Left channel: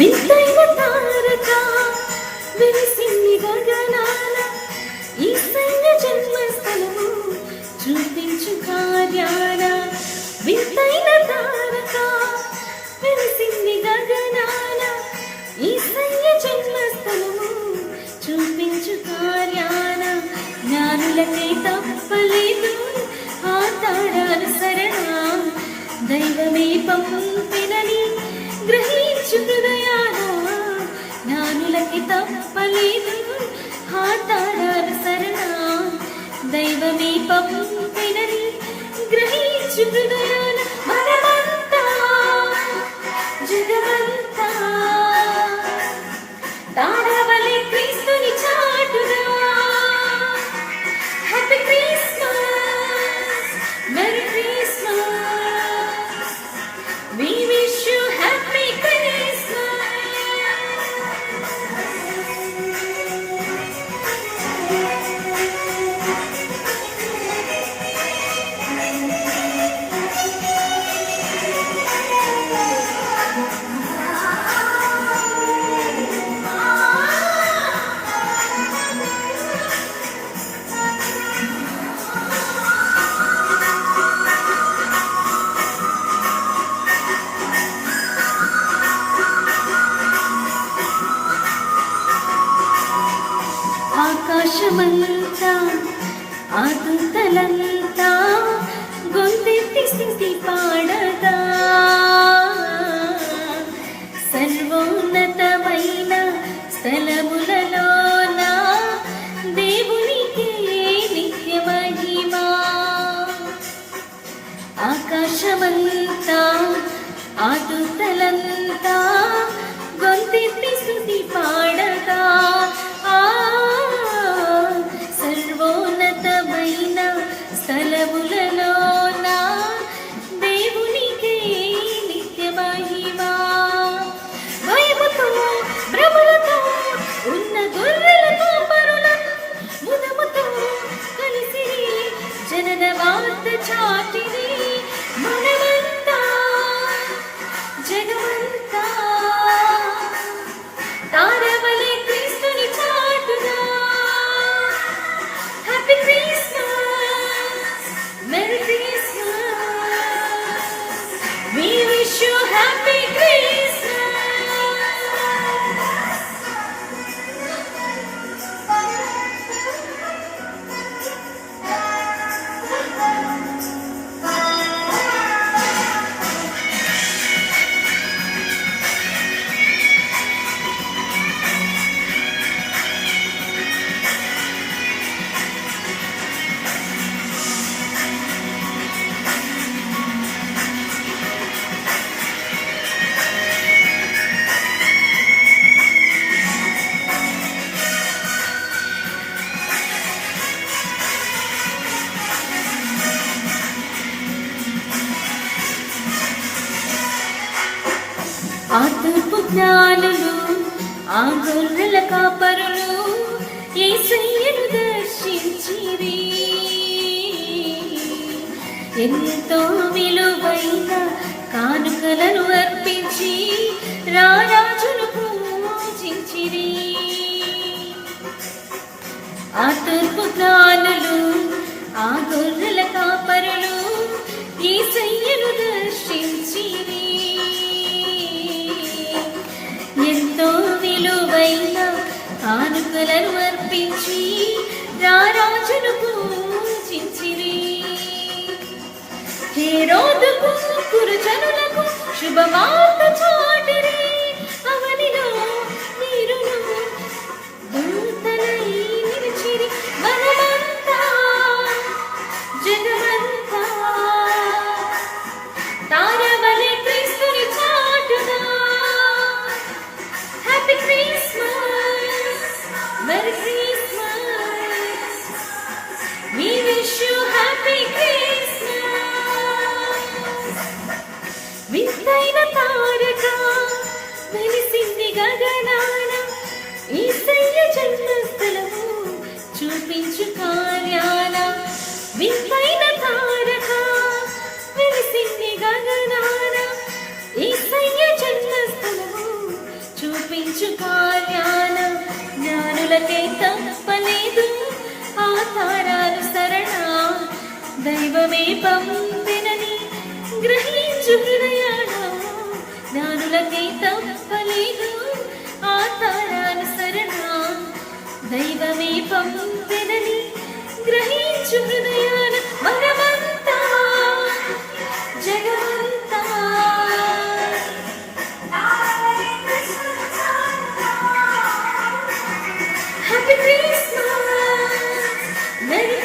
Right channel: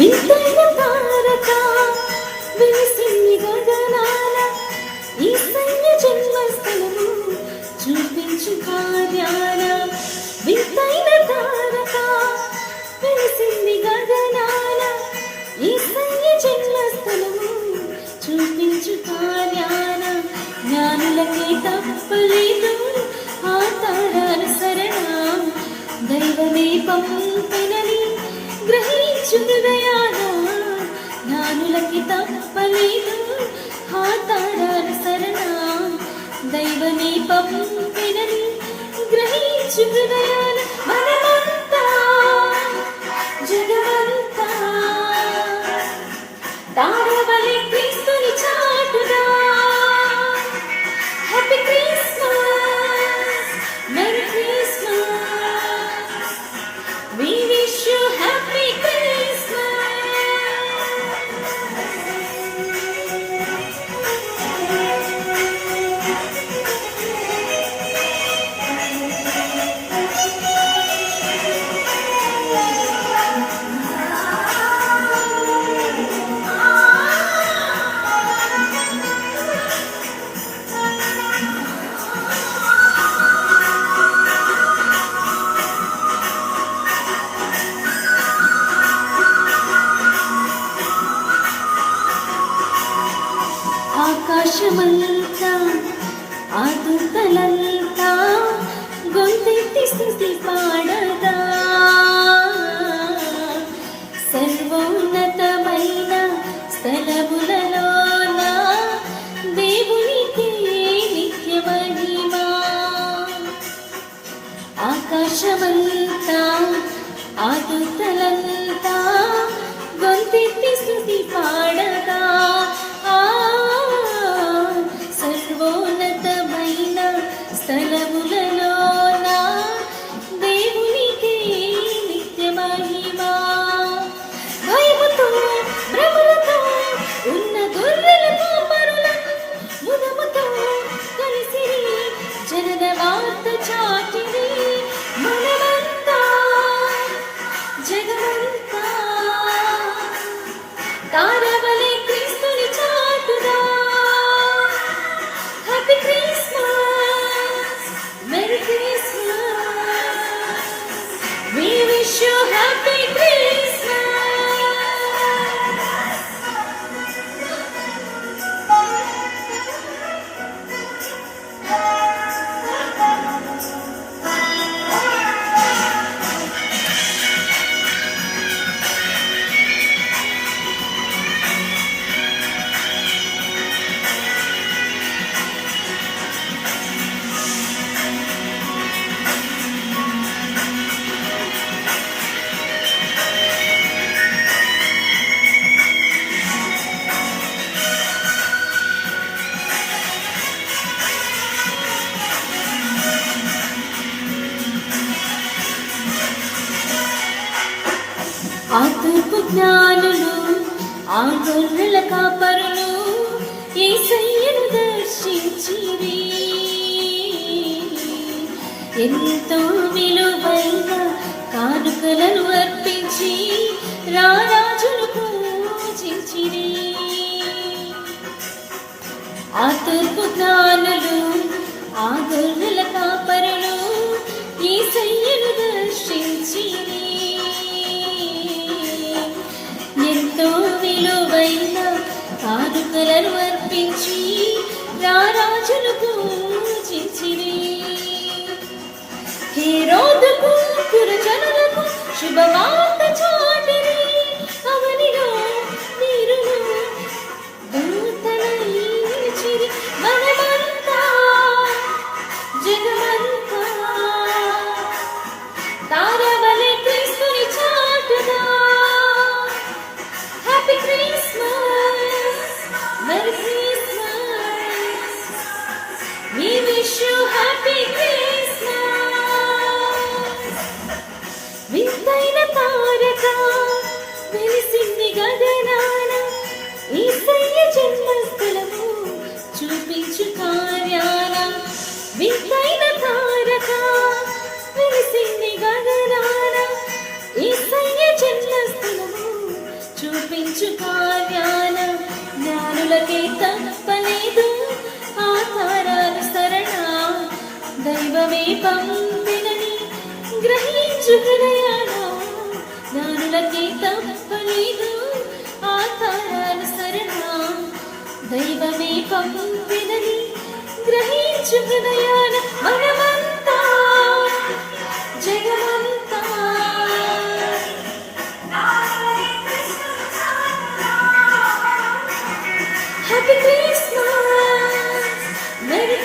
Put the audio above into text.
వింతైన తారక వెలిసింది గగనాన యేసయ్య జన్మస్థలము చూపించు కార్యాన. వింతైన తారక వెలిసింది గగనాన యేసయ్య జన్మస్థలము చూపించు కార్యాన. జ్ఞానులకే తప్పలేదు ఆ తారాల సరణ, దైవమే పంపినని గ్రహించు హృదయాన. జ్ఞానులకి తప్పలేదు ఆ తారాల సరణ, దైవమే పంపినని గ్రహించు హృదయాన. మనమంతా జగమంతా తారవలే క్రీస్తుని చాటుదా. Happy Christmas, merry Christmas, we wish you happy Christmas. ఆకాశమంతా ఆదుతలంతా గొంతెత్తి స్తుతి పాడగా, సర్వోన్నతమైన స్థలములలోన దేవునికి నిత్య మహిమా. ఆకాశమంతా ఆదుతలంతా గొంతెత్తి స్తుతి పాడగా, సర్వోన్నతమైన స్థలములలోన దేవునికే నిత్య మహిమా. భయముతో భ్రమలతో ఉన్న గొర్రెల కాపరుల ముదముతో కలిసి జనన వార్త చాటిని. మనమంతా జగమంతా తారవలే క్రీస్తుని చాటుదా. Happy Christmas, Merry Christmas, we wish you Happy Christmas. ఆ తూర్పు జ్ఞానులు ఆ గొర్రెల కాపరులు యేసయ్యను దర్శించిరి. ఎంతో విలువైన కానుకలను అర్పించి రారాజును పూజించిరి. ఆ తూర్పు జ్ఞానులు ఆ గొర్రెల కాపరులు యేసయ్యను దర్శించిరి. ఎంతో విలువైన కానుకలను అర్పించి రారాజును పూజించిరి. హేరోదుకు పురజనులకు శుభవార్త చాటిరి. అవనిలో వీరులు దూతలై నిలిచిరి. మనమంతా జగమంతా తారవలే క్రీస్తుని చాటుదా. Happy Christmas, Merry Christmas, we wish you Happy Christmas. వింతైన తారక వెలిసింది గగనాన యేసయ్య జన్మస్థలము చూపించు కార్యాన. వింతైన తారక వెలిసింది గగనాన యేసయ్య జన్మస్థలము గ్రహించుకో జ్ఞానం జ్ఞానులకే తప్పలేదు ఆ తారాలు సరళ దైవమే పంపినని గ్రహించు హృదయాన జ్ఞానులకే తప్పలేదు ఆ తారాలు సరళ దైవమే పంపినని గ్రహించు హృదయాన మనమంతా జగమంతా హ్యాపీ క్రిస్మస్ మెరీ